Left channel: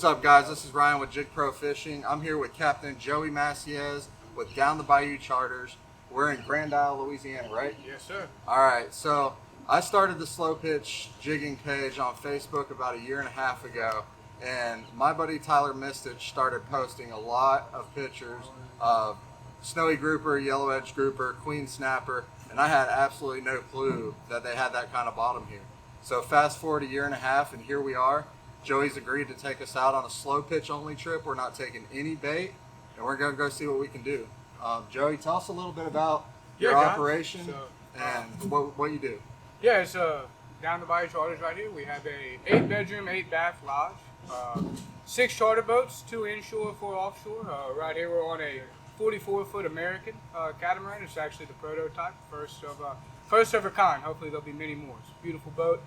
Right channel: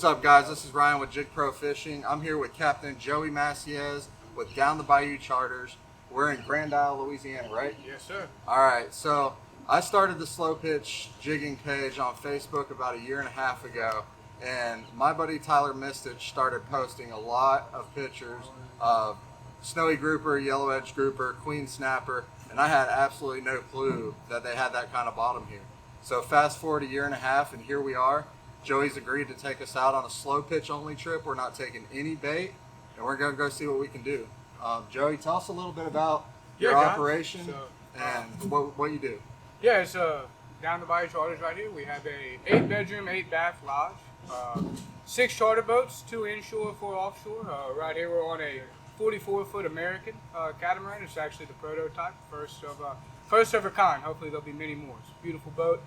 What's up, guys? This is Ryan with JYG PRO Fishing. I'm here with Captain Joey Maciez with Down the Bayou Charters. We're in Grand Isle, Louisiana, right? Yes, sir. All right, so I started the Slow Pitch Jigging page on Facebook about a year and a half ago, and my buddy Tyler Mistich started posting a lot of pictures of snowy grouper, yellow edge grouper, queen snapper, and I had absolutely no clue that they had that kind of bottom here. So fast forward a year and a half, and here we are. Joey's agreed to take us out on a slow pitch only trip. We're not taking any bait, and we're going to go see what we can do. Joey, tell us a little bit about your operation and what you do. Yeah, it's Down the Bayou Charters right here. We have a 8-bedroom, 8-bath lodge, 6 charter boats, 2 inshore, 4 offshore. Right here we're on a 44-foot American catamaran. It's actually the prototype, first of a kind. Hopefully there'll be many more. It's a beautiful boat.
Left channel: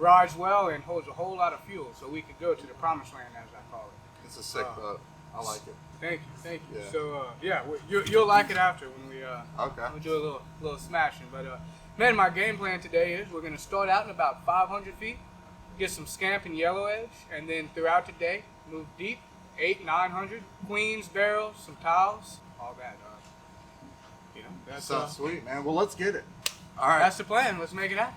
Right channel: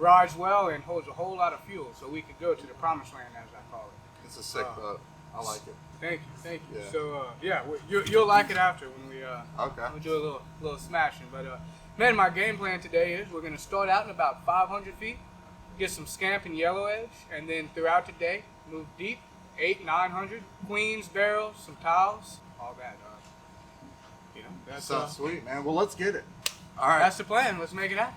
Rides well and holds a whole lot of fuel, so we could go to the promised land, as I call it. It's a sick boat. I like it. Thank you. Yeah. So you'll like it after when we we'll do a little smashing. But man, my game plan today is we're gonna start out in about 500 feet, get some scamp and yellow edge, and then throughout the day move deep, 800-900 queens, barrels, some tiles, all that. That sounds sweet, man. Well, let's get it. All right. That's the plan. Let's make it happen.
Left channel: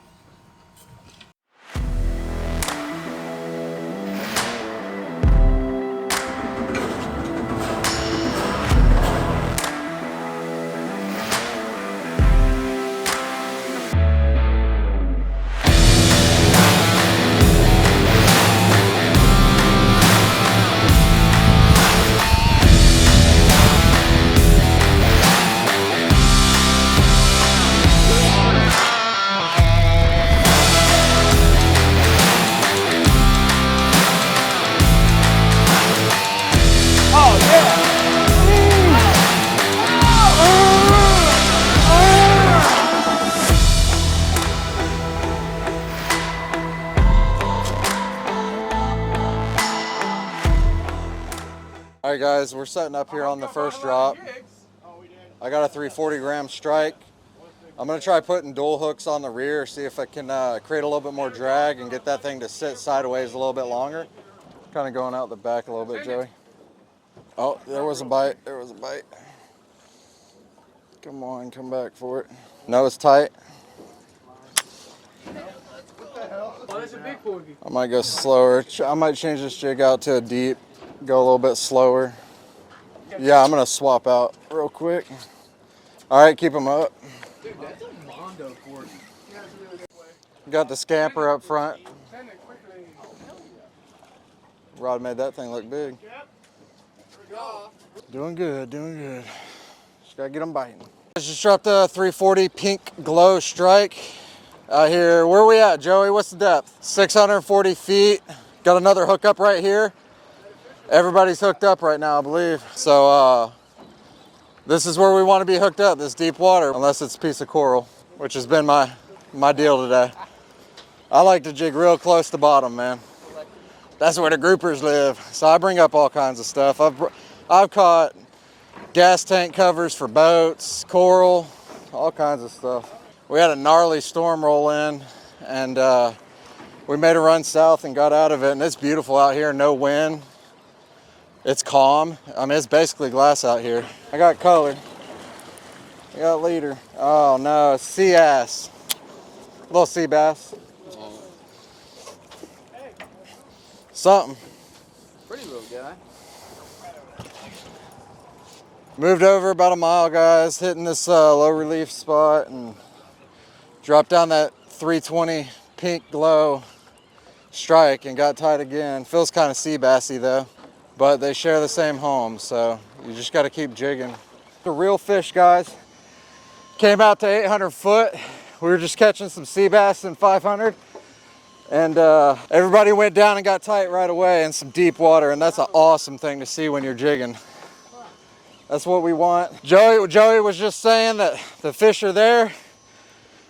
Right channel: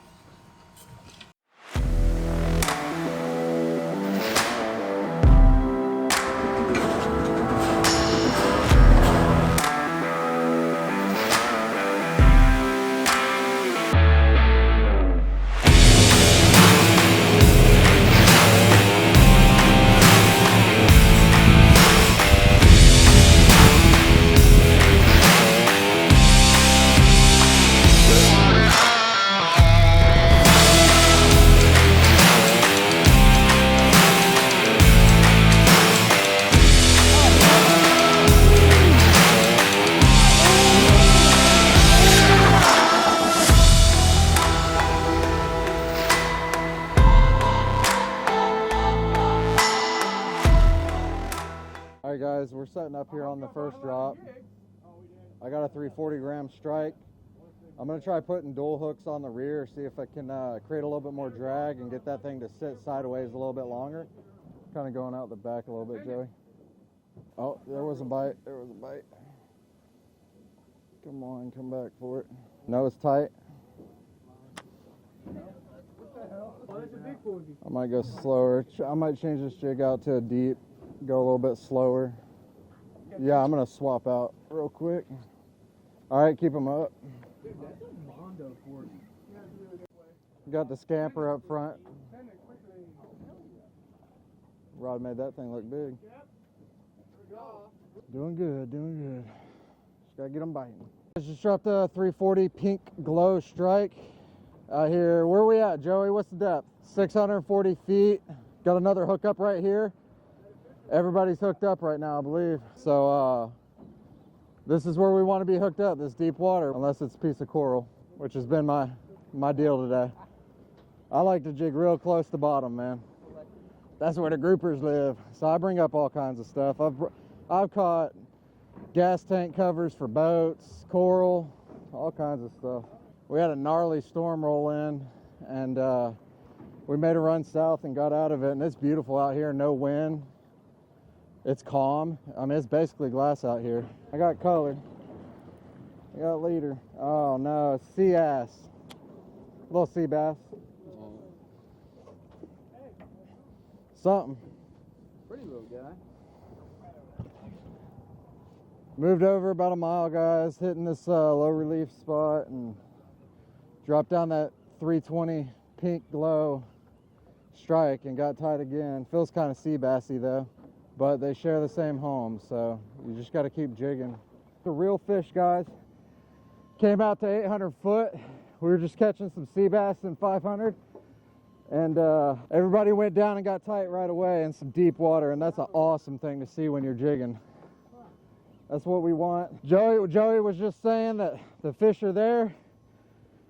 All right, guys, we're setting up here on the first drop. I got a 340-gram Stryke. I'm going to try putting dual hooks on the rear, see if I can create a little bit more drag and get that thing to sit sideways a little bit longer. Kind of going out the back a little bit, Joey. Oh, there was a bite. There was a bite. Come on, come back for it. Nose tight. I might go slower. I might change this jig out to a deep. Go a little bit slower. Yeah, I'm gonna swap out real quick. All right, keep them up. Dude, that's a Mondo for you. Got the scamper up front. Rod made that thing look big. Doing good, doing good. Just gotta get them biting. Just dropped a 340 pink glow Stryke out here. Where are we at, Joey? What's the depth? 640 feet. Got another hookup right here. Everybody's hooked up right now, I believe. So this is where we want to be hooked up, this deep water, unless it's a piece of coral, which has been my deal today. I like to jig real close to bottom, man. That's where the groupers live. So I bring up all kinds of stuff. I've caught gas tank covers for boats, coral, all kinds of stuff. We had a gnarly storm roll in, and we made a run south and got out of it, and it's beautiful out here, no wind. It's calm. I mean, it's basically glass out here. I got color. I got leader. Oh no, it's sea ass. Little sea bass. Something. Pretty little guy. Moved over about a mile, guys, hitting this low relief spot and dropped down that 320 pink glow Stryke and got tight again. Feels kind of sea bassy though. But they share the same home, so you just got to keep jigging. The real fish, guys. Came out to 800 foot. We were just catching some sea bass in 500, and everybody went down and got tight right away in some deep water, and that's an awesome thing to see when you're jigging. That's what we want. Joey was just saying that the fish are there,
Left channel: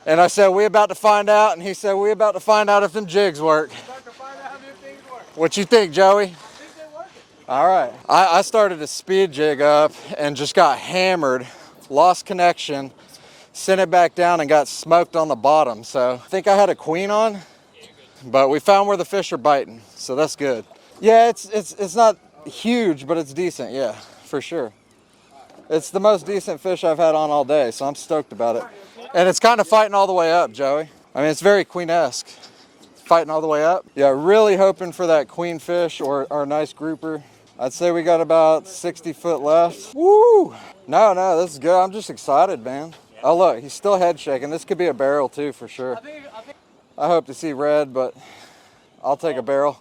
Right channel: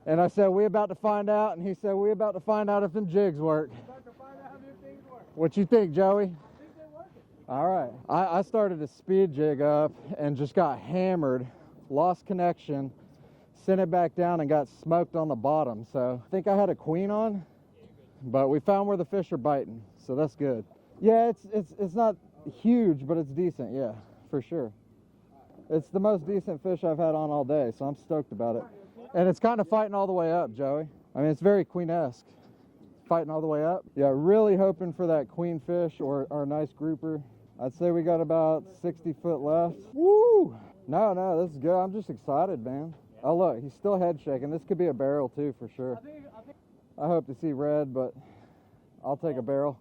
and I said, we about to find out, and he said, we about to find out if them jigs work. What you think, Joey? All right, I started a speed jig up and just got hammered, lost connection, sent it back down and got smoked on the bottom. So I think I had a queen on, but we found where the fish are biting, so that's good. Yeah, it's not huge, but it's decent. Yeah, for sure. It's the most decent fish I've had on all day, so I'm stoked about it. And it's kind of fighting all the way up, Joey. I mean, it's very queen-esque. Fighting all the way up. Yeah, really hoping for that queen fish or a nice grouper. I'd say we got about 60 foot left. Woo! No, this is good. I'm just excited, man. Oh, look, he's still head shaking. This could be a barrel, too, for sure. I hope to see red, but I'll take a barrel.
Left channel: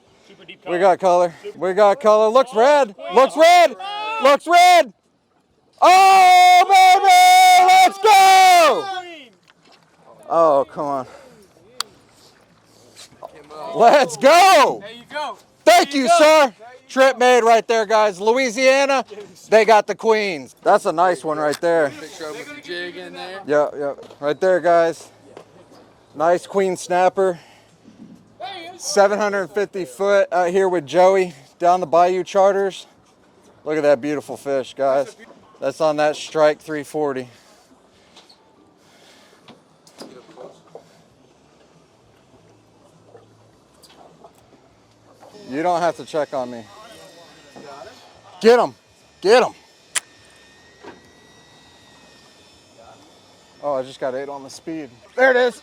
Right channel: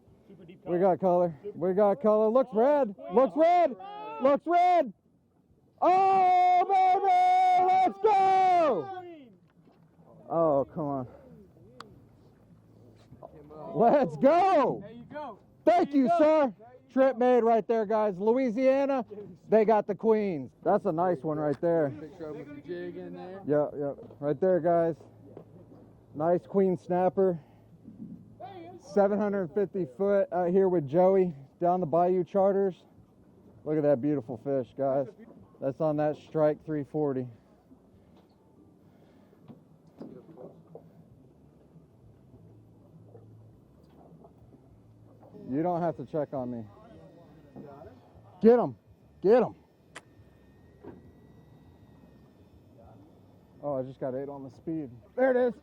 We got color. We got color. Looks red. Looks red. Looks red. Oh, baby! Let's go! Oh, come on. Let's go! There you go. Thank you, sir. Trip made right there, guys. Louisiana, they got the queens. That's a nice one right there. Picture with the jig in there. Yep. Right there, guys. Nice queen snapper. 750 foot out here with Joey down the Bayou Charters. Look at that beautiful fish, guys. That's on that Stryke 340. You don't have to check on me. Get him. Get him. Oh, I just got 8 on the speed. There it is.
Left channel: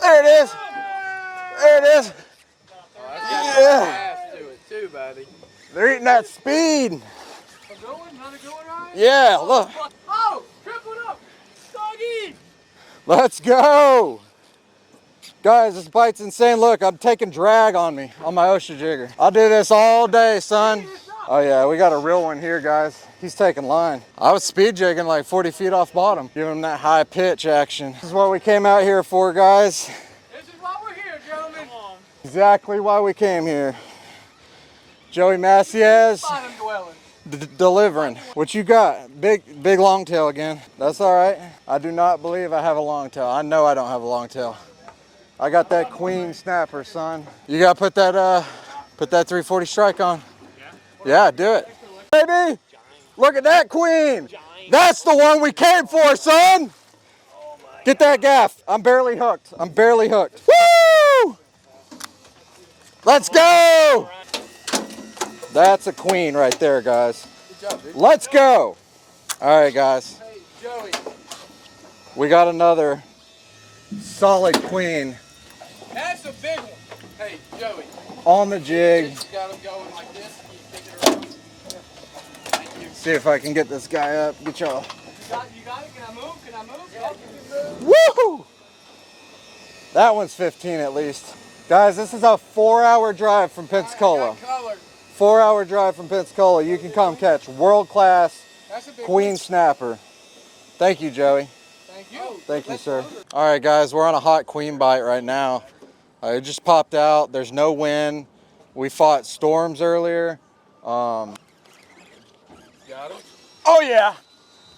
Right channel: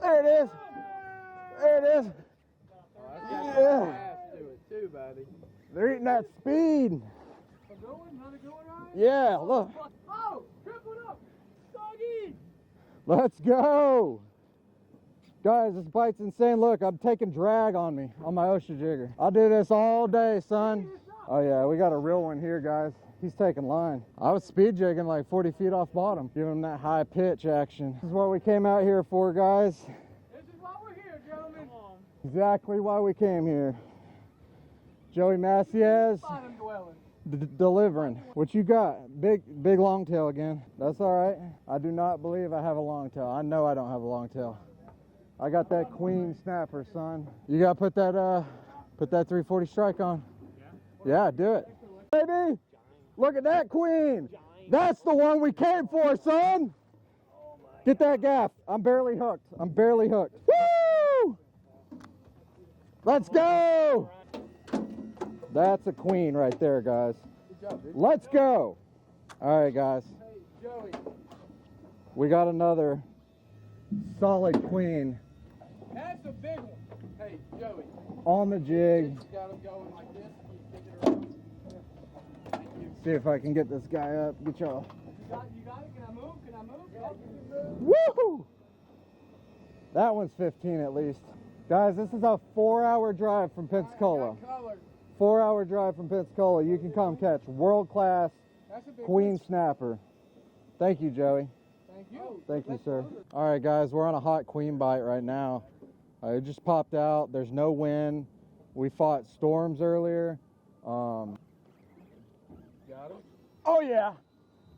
There it is. There it is. Yeah. To it too, buddy. They're eating that speed. Another going right? Yeah, look. Oh, triple up. Doggy. Let's go. Guys, this bite's insane. Look, I'm taking drag on me on my Osha jigger. I'll do this all day, son. Oh yeah, we got a real one here, guys. He's taking line. I was speed jigging like 40 feet off bottom, giving him that high pitch action. This is what we came out here for, guys. This is why we're here, gentlemen. Exactly why we came here. Joey Macias Bottom dwelling. delivering. What you got? Big long tail again. That's all right. I do not believe I have a long tail. I know I don't have a long tail. I got that queen snapper, son. You gotta put that 340 Stryke on. Yeah, do it. Baby, look at that queen. That's the one we came for, son. Get that gaff. I'm barely hooked. I'm barely hooked. Woo! Let's go. That's a queen right there, guys. Good job, dude. Let's go. All right, guys. Hey, Joey. We got another solid queen That's a big one. Hey, Joey. on the jig. You got him going like this. You kick it around. Thank you. See if I can get this guy up. Get y'all. You got it? Can I move? Can I move? Woo! That one's 15 at least. Guys, this is a 4-hour drive from Pensacola. Color. 4-hour drive from Pensacola. You can come catch world-class That's a big queen one. snapper. Thank you, Joey. Thank you. Thank you, sir. All right, guys, we're on a hot queen bite right now. It just popped out. There's no wind. We fought storms earlier. Got him? Oh, yeah.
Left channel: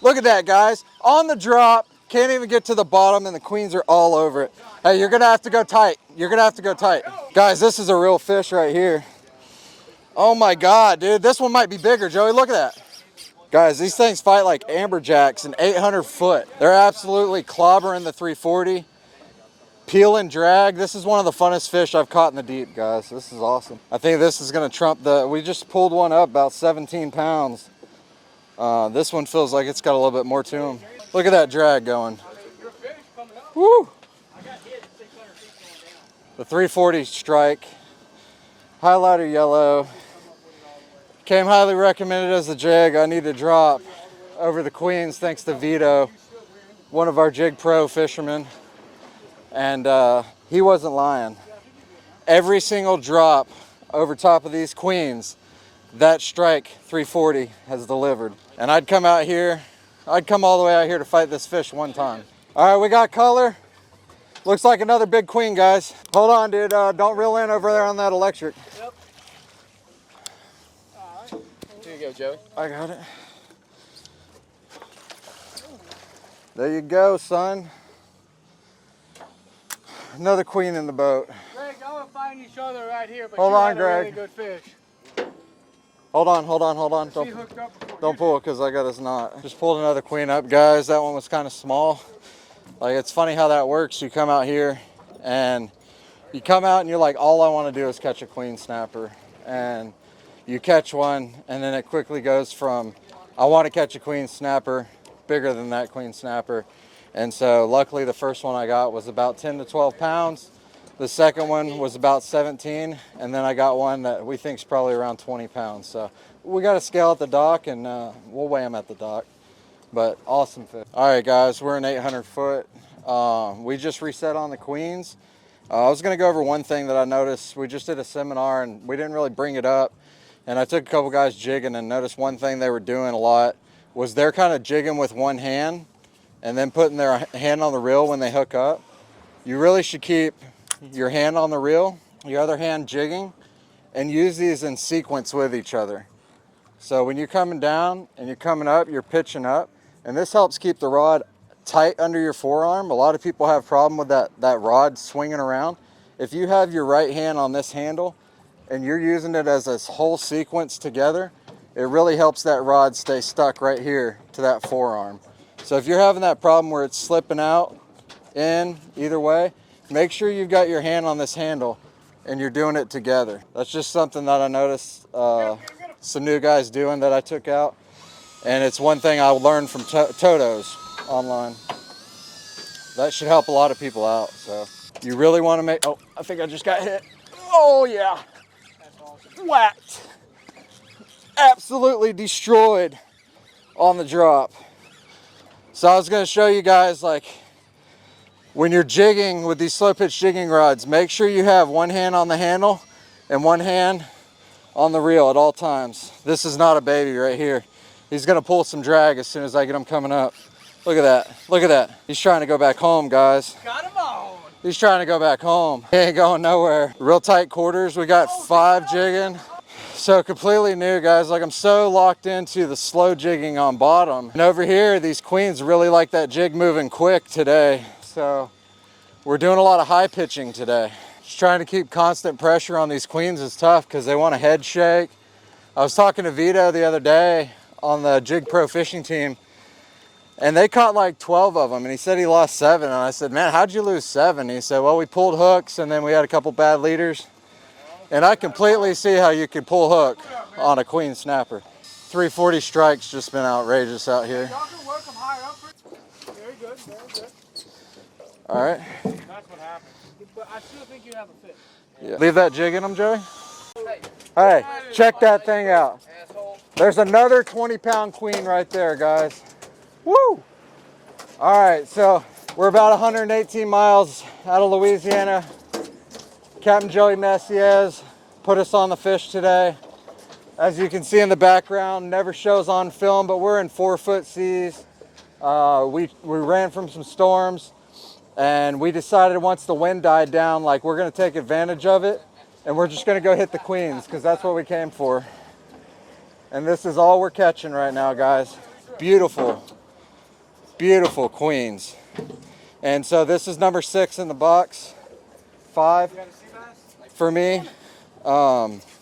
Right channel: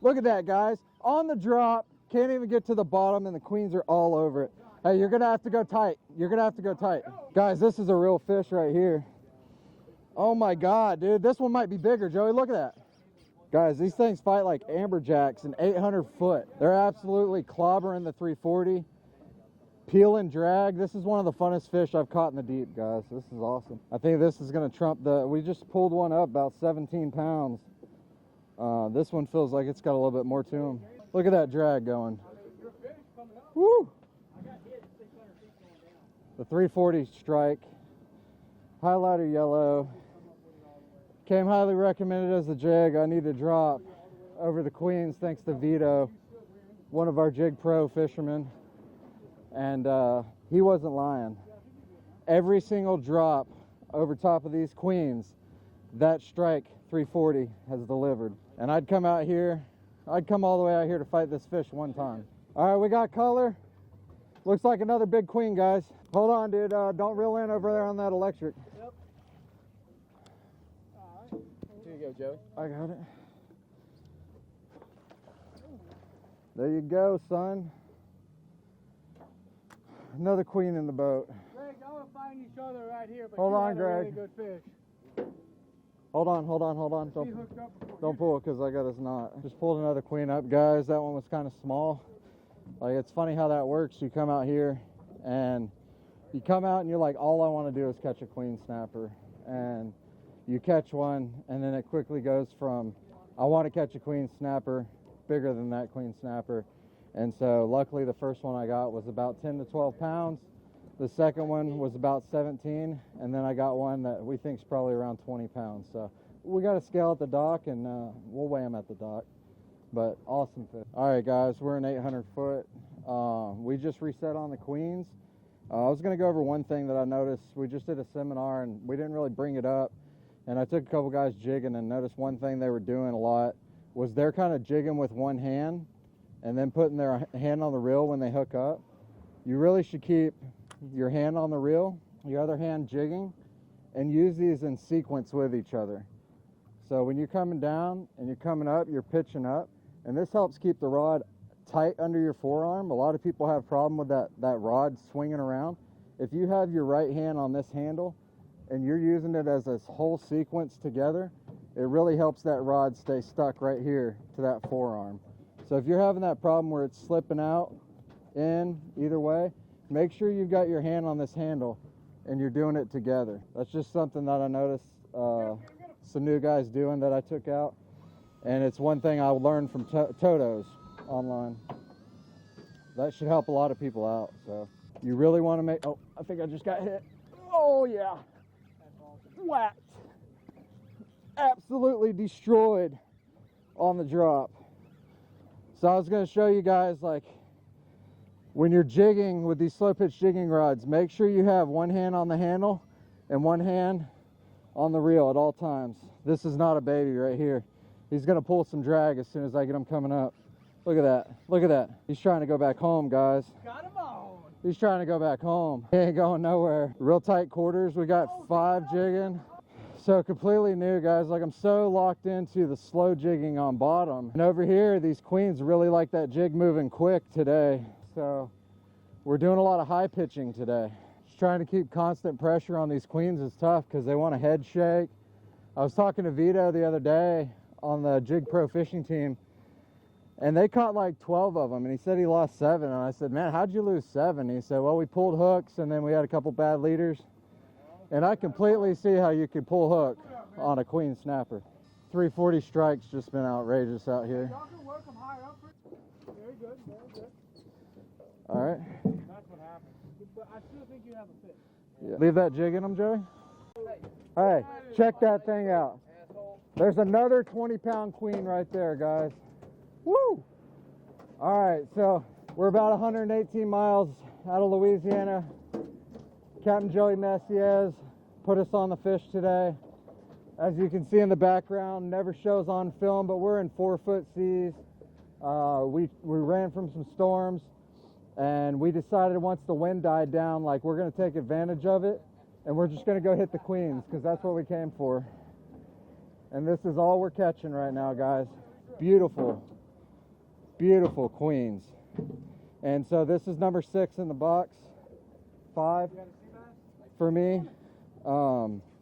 Look at that, guys. On the drop. Can't even get to the bottom, and the queens are all over it. Hey, you're going to have to go tight. You're going to have to go tight. Guys, this is a real fish right here. Oh, my God, dude. This one might be bigger, Joey. Look at that. Guys, these things fight like amberjacks and 800 foot. They're absolutely clobbering the 340. Peel and drag. This is one of the funnest fish I've caught in the deep, guys. This is awesome. I think this is going to trump we just pulled one up about 17 pounds. This one feels like it's got a little bit more to him. Look at that drag going. Woo! The 340 Stryke. Highlighter yellow. Came highly recommended as a jig. I need to drop over the queens thanks to Vito, one of our JYG Pro fishermen. And he wasn't lying. Every single drop over top of these queens, that Stryke 340 has delivered. And I'd come out here, I'd come all the way out here to fight this fish one time. All right, we got color. Looks like another big queen, guys. Hold on, dude. Don't reel in over there on that electric. Yep. Here you go, Joey. I got it. There you go, son. Another queen in the boat. Greg, I'm going to find each other right here, but Hold you on, had a really Greg. good fish. Hold on. She hooked up before Don't you pull because I got his knot. Just pulled another queen up, guys. That one was kind of small. Like, it's funny how that works. You come out here and you come out and you're like, all I want to do is catch a queen snapper. And you catch one, and then it quickly goes from, I want to catch a queen snapper, bigger than that queen snapper. And so luckily the first one I got was about 10 to 12 pounds. The second one was about 17, and then I got one that we think is probably around 20 pounds. So we got to scale at the dock, and we'll weigh them at the dock. But awesome fish. All right, guys, we're in 800 foot. We just reset on the queens. I was going to go over one thing that I noticed. We just did a seminar, and we didn't really bring it up. And I took a couple guys jigging and noticed one thing they were doing a lot was they're kind of jigging with one hand and then putting their hand on the reel when they hook up. You really should keep your hand on the reel, your other hand jigging, and use these in sequence with each other. So when you're coming down and you're coming up, you're pitching up, and this helps keep the rod tight under your forearm. A lot of people have a problem with that rod swinging around. If you have your right hand on this handle and you're using it as a whole sequence together, it really helps that rod stay stuck right here to that forearm. So if you're having that problem where it's slipping out, in, either way, make sure you've got your hand on this handle and you're doing it together. That's just something that I noticed some new guys doing that I took out. And it's one thing I learned from Toto's online. That should help a lot of people out. So you really want to make, oh, I think I just got hit. Oh yeah. That's awesome. Whacked. Absolutely destroyed on the drop. So I was going to show you guys, like, when you're jigging with these slow pitch jigging rods, make sure you have one hand on the handle and one hand on the reel at all times. This is not a baby right here. He's gonna pull some drag as soon as I get him coming up. Look at that, look at that. He's trying to go back home, guys. Got him on. He's trying to go back home. He ain't going nowhere. Real tight quarters, we got 5 jigging. So completely new, guys. Like, I'm so locked into the slow jigging on bottom. And over here, these queens really like that jig moving quick today. So we're doing a lot of high pitching today. Just trying to keep constant pressure on these queens is tough because they want a head shake. I was talking to Vito the other day on the JYG PRO fishing team, and they caught like 12 of them, and he said he lost 7. And I said, man, how'd you lose 7? He said, well, we pulled hooks, and then we had a couple bad leaders. And I completely see how you could pull hook on a queen snapper. 340 Stryke's just been outrageous out here. Y'all can work them high up. Very good, very good. All right. That's what happened. But I still think you have a fit. Yeah. Leave that jig in them, Joey. Hey, check that thing out. There's another 20-pound queen right there, guys. Woo! All right, so we're about 118 miles out of Louisiana. Captain Joey Messiez put us on the fish today. As you can see in the background, never shows on film, but we're in 4-foot seas. We ran from some storms, and we decided once the wind died down, like, we're gonna take advantage of it, and we're just gonna go hit the queens, because that's what we came for. And this is all we're catching right now, guys. Beautiful, beautiful queens. And so this is number 6 in the box. 5 for me.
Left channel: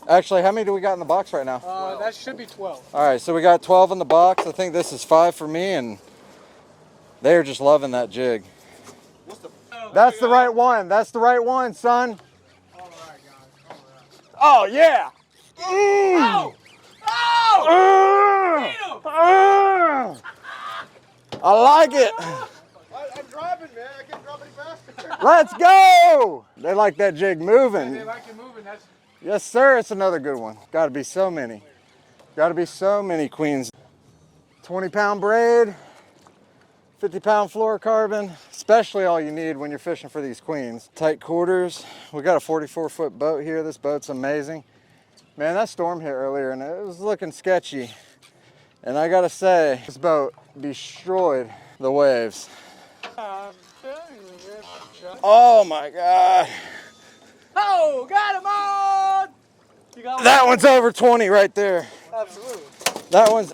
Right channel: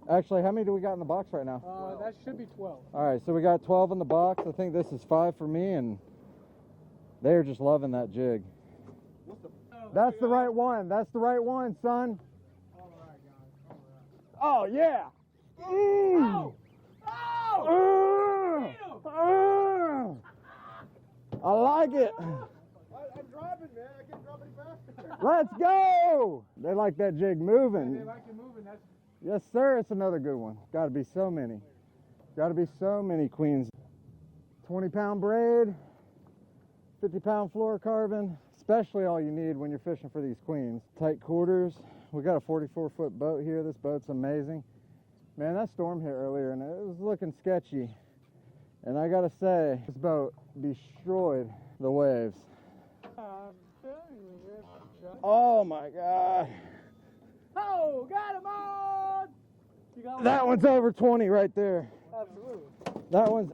Actually, how many do we got in the box right now? That should be 12. All right, so we got 12 in the box. I think this is 5 for me, and they're just loving that jig. That's the right one. That's the right one, son. All right, guys. Oh, All right. yeah. Oh! Oh! I like it. I'm driving, man. I can't drive any faster. Let's go. They like that jig moving. They like it moving. That's Yes, sir. It's another good one. Got to be so many. Got to be so many queens. 20-pound braid, 50-pound fluorocarbon, especially all you need when you're fishing for these queens. Tight quarters. We got a 44-foot boat here. This boat's amazing. Man, that storm hit earlier and it was looking sketchy. And I gotta say, this boat destroyed the waves. Oh my God. Oh, got him on! You got That one's over 20 right there. Absolutely. That one's,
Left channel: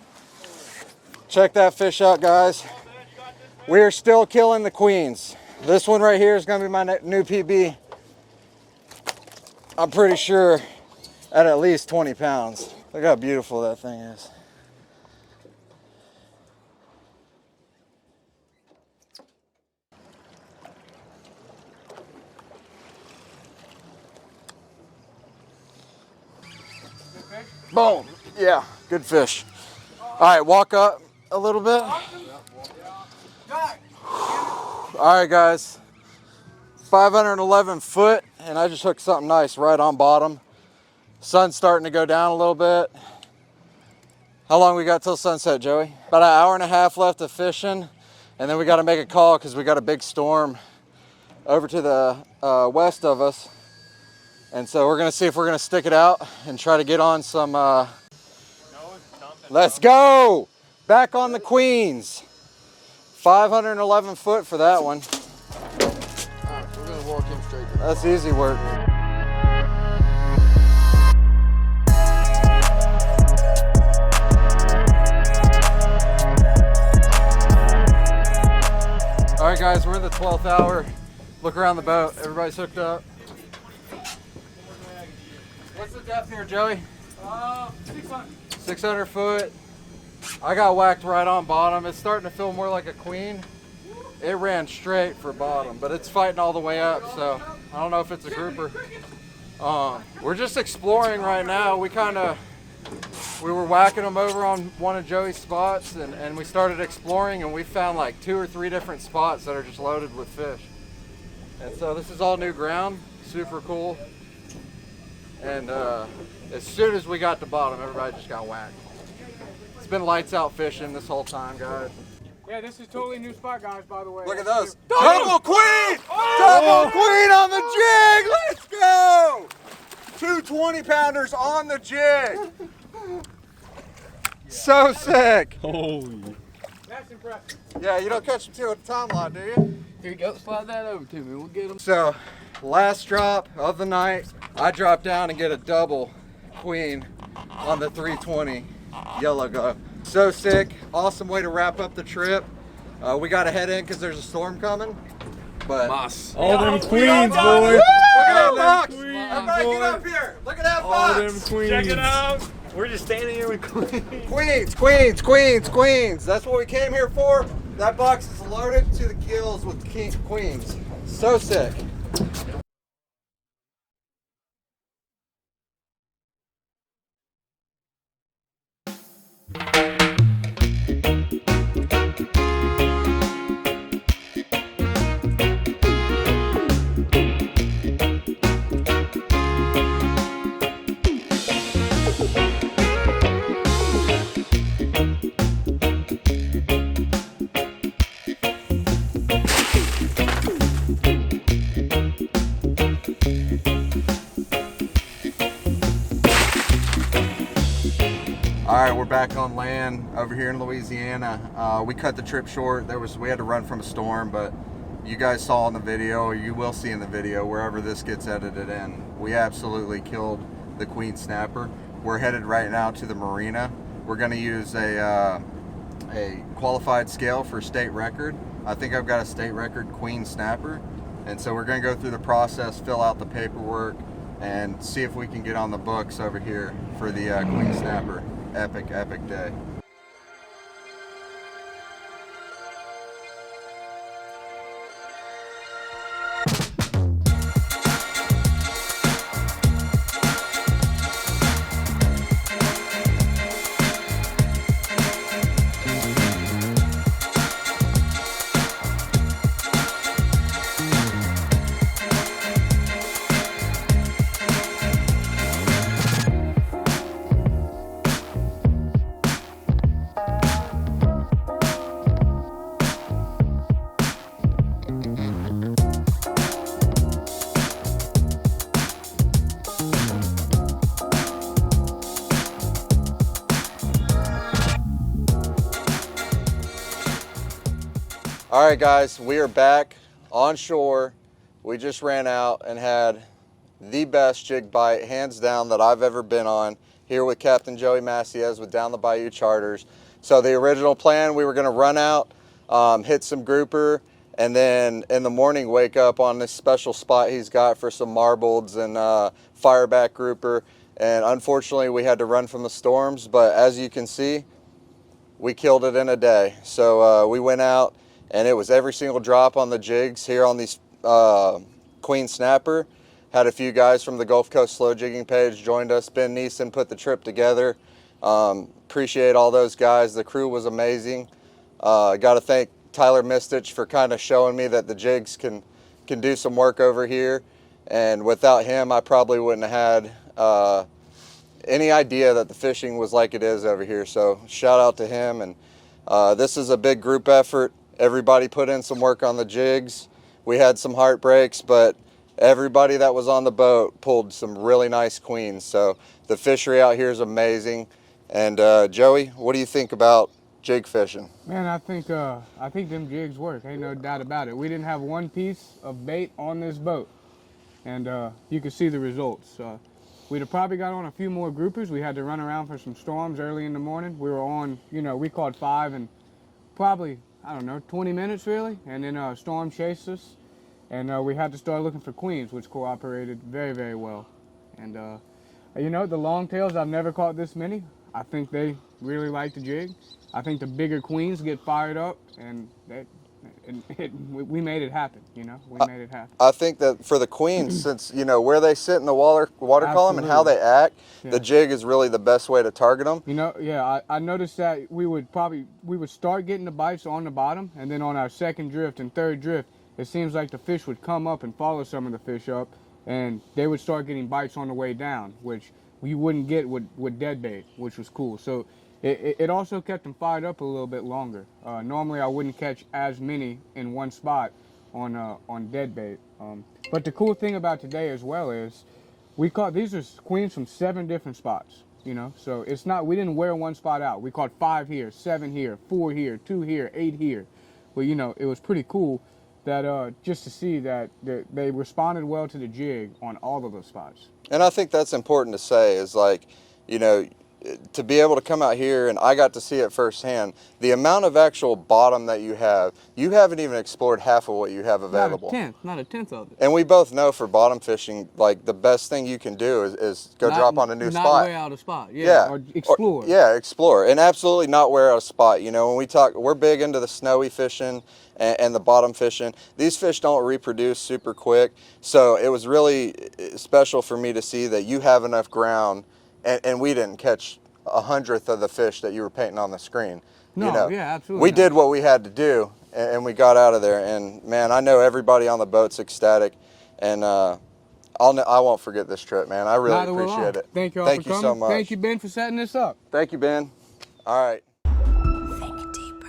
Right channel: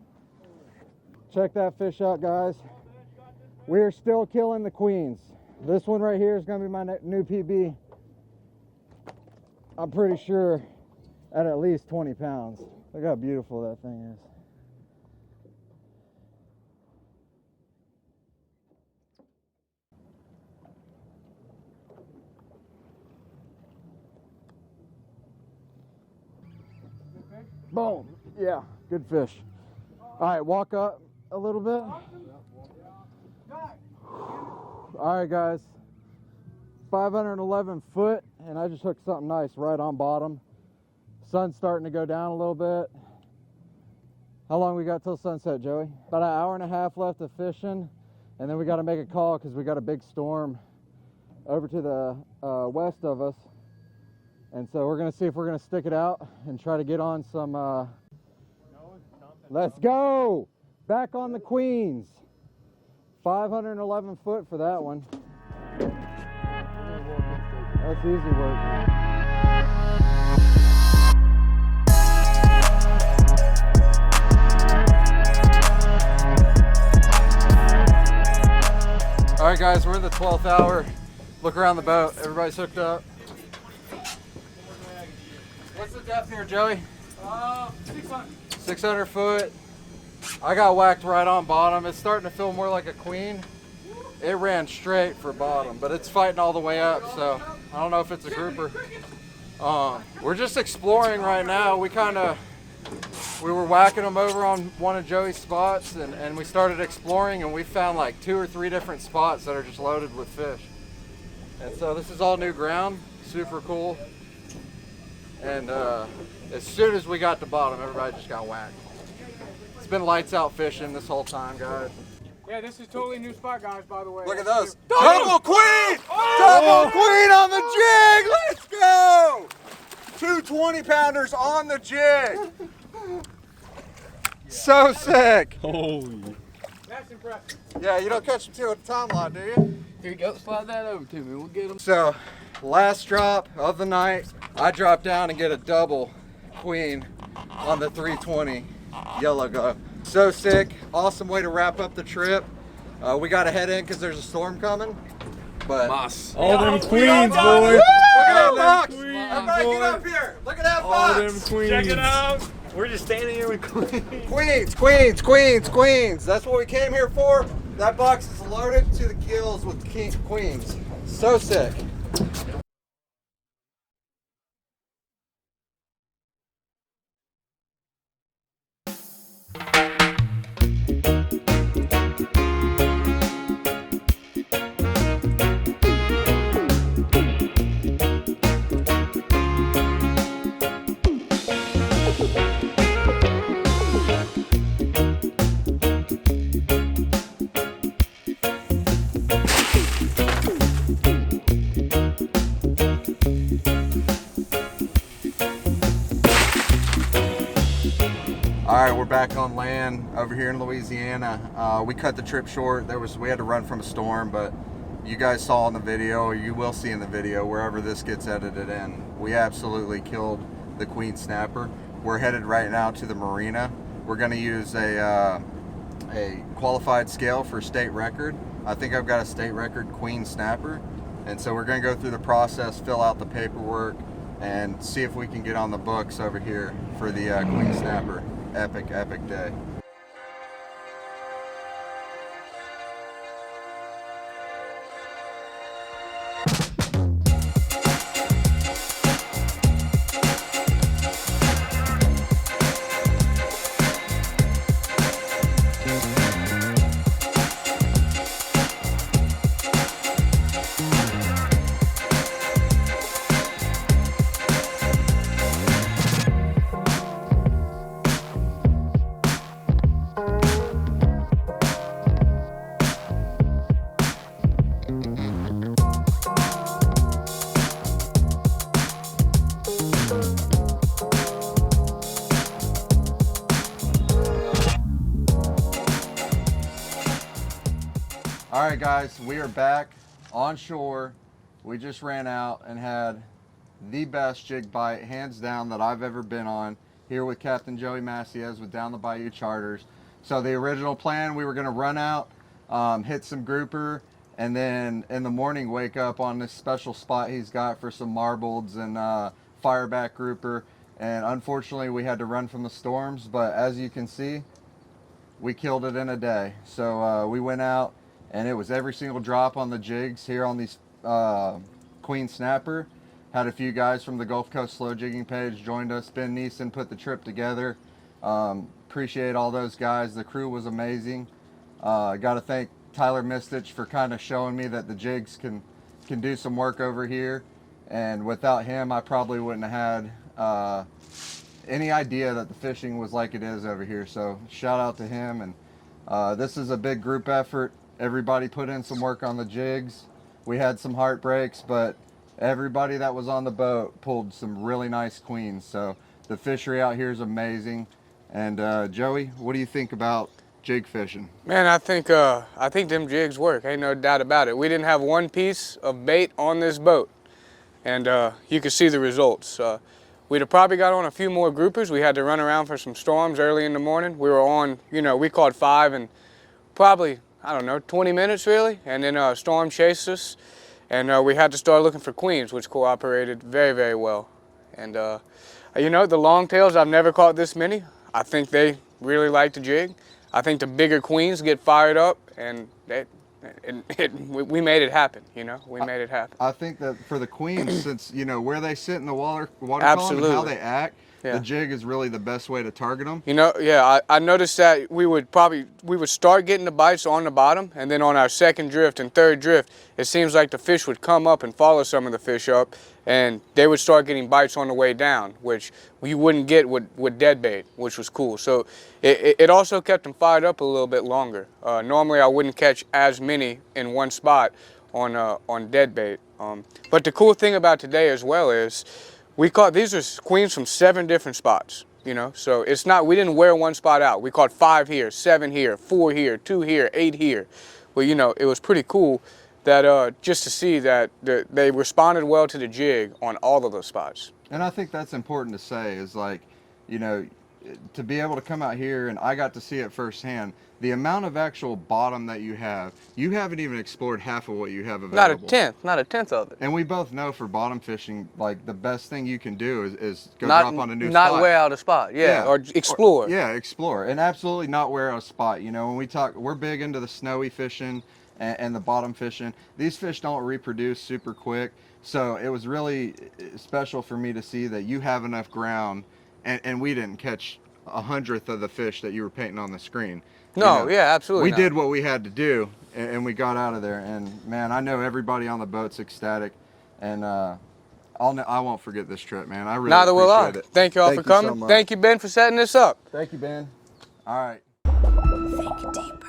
check that fish out, guys. We're still killing the queens. This one right here is gonna be my new PB. I'm pretty sure at least 20 pounds. Look how beautiful that thing is. Boom. Yeah, good fish. All right, walk up a little bit. All right, guys. 511 foot, and I just hooked something nice right on bottom. Sun's starting to go down a little bit. How long we got till sunset, Joey? About an hour and a half left of fishing, and then we got to make a call because we got a big storm over to the west of us. And so we're gonna see if we're gonna stick it out and try to get on some, let's go! Back on the Queens. 511 foot for that one. We're gonna walk in straight. That's easy work. All right, guys, we're in the 12th hour. Look around the boat. Everybody's hooked up. What's the depth here, Joey? 600. 600 foot. I got whacked right on bottom. It's starting to feel more like a queen. It ran straight for bottom, but it's fighting all the way up, so I don't know if it's a grouper. We're just exploring right now. We were whacking them over on one of Joey's spots, and we started exploring, and we found like 2 or 3 different spots that are just loaded with fish. And so this is all new ground, super cool. And as soon as we got to bottom, everybody just got whacked. It's been lights out fishing this whole time, guys. Yeah, this is totally new spot, guys, by the way. Look at those. Double queen! Double queen on the jig! Let's go! 2 20-pounders on the jig. So sick. Holy. That's impressive. Yeah, you don't catch them 2 at a time lot, do you? Here you go, slide that over to me. We'll get them. So, last drop of the night, I drop down and get a double queen on the 320 yellow glow. So sick. Awesome way to wrap up the trip. We got to head in because there's a storm coming. But Moss. All them queens, boy. Look at that box. queens, Everybody get boy. up here. Look at that All box. them queens. Check it out. We're just standing here with queens. Queens, queens, queens, queens. That's what we came here for. That box is loaded to the gills with queens. So sick. All right, we're back on land over here in Louisiana. We cut the trip short. We had to run from a storm, but you guys saw in the video, or you will see in the video, wherever this gets edited in, we absolutely killed the queen snapper. We're headed right now to the marina. We're gonna use a qualified scale for state record. I think I've got a state record queen snapper. And so we're gonna go through the process, fill out the paperwork, and see if we can get on the books over here for the queen snapper. Epic, epic day. All right, guys, we are back on shore. We just ran out and had the best jig bite, hands down, that I've ever been on here with Captain Joey Maciez with Down the Bayou Charters. So the original plan, we were gonna run out, hit some grouper, and then in the morning wake up on this special spot he's got for some marbleds and fireback grouper. And unfortunately, we had to run from the storms, but as you can see, we killed it in a day. So we went out, and it was every single drop on the jigs here on these queen snapper. Had a few guys from the Gulf Coast Slow Jigging page joined us. Ben Neeson put the trip together. Appreciate all those guys. The crew was amazing. Got to thank Tyler Mistich for kind of showing me that the Jygs can do some work over here. And without him, I probably wouldn't have had any idea that the fishing was like it is over here. So shout out to him. And this is a big group effort. Everybody put in some work on the Jygs. We had some heartbreaks, but everybody that was on the boat pulled some really nice queens. So the fishery out here is amazing. And Joey, what do you think about jig fishing? Man, I think them jigs work. Ain't no doubt about it. We didn't have one piece of bait on this boat, and you can see the results. We'd have probably got on a few more groupers. We had to run around for some storms early in the morning. We were on, we caught 5 in probably, I don't know, 20 minutes really, and then a storm chased us, and we had to start looking for queens, which cooperated very, very well. And the longtails, I've never caught this many. I think they really like to jig. I think the bigger queens get fired up, and we made it happen, We made it happen. I think that for the queens, since, where they sit in the water column Absolutely. and how they act, Yeah. the jig is really the best way to target them. I noticed that we would start getting the bites on the bottom, and then on our second drift and third drift, it seems like the fish would come up and follow some of the fish up, and they would start getting bites on the way down, which you wouldn't get with dead bait, which was cool. So it also kept them fired up a little bit longer. Normally I wouldn't catch as many in one spot on dead bait. But the cool thing about today as well is these are queens from 7 different spots, So it's not, we didn't wear one spot out. We caught 5 here, 7 here, 4 here, 2 here, 8 here. Well, it was pretty cool that just to see that they responded well to the jig on all of those spots. And I think that's important to say is to be able to come out here, and I got to see it firsthand, the amount of actual bottom that you haven't even explored half of what you have available. Not a tenth of it. And we both know for bottom fishing, the best thing you can do is go drop on a new spot. Not wear out a spot, or explore. Explore, and absolutely not wear out a spot. When we talk, we're big into the snowy fishing and the bottom fishing. These fish don't reproduce super quick, so it was really special for me to see that you have enough ground, and we didn't catch 1/100th of the fish that you were painting on the screen. No, yeah, absolutely. We did what we had to do, and we got out of there. And man, I know everybody on the boat's ecstatic, and I won't forget this trip, man. I really Neither will I. appreciate it. Thank you all for coming. So much. Thank you, Ben, for setting this up. Thank you, Ben. All right. Think deep.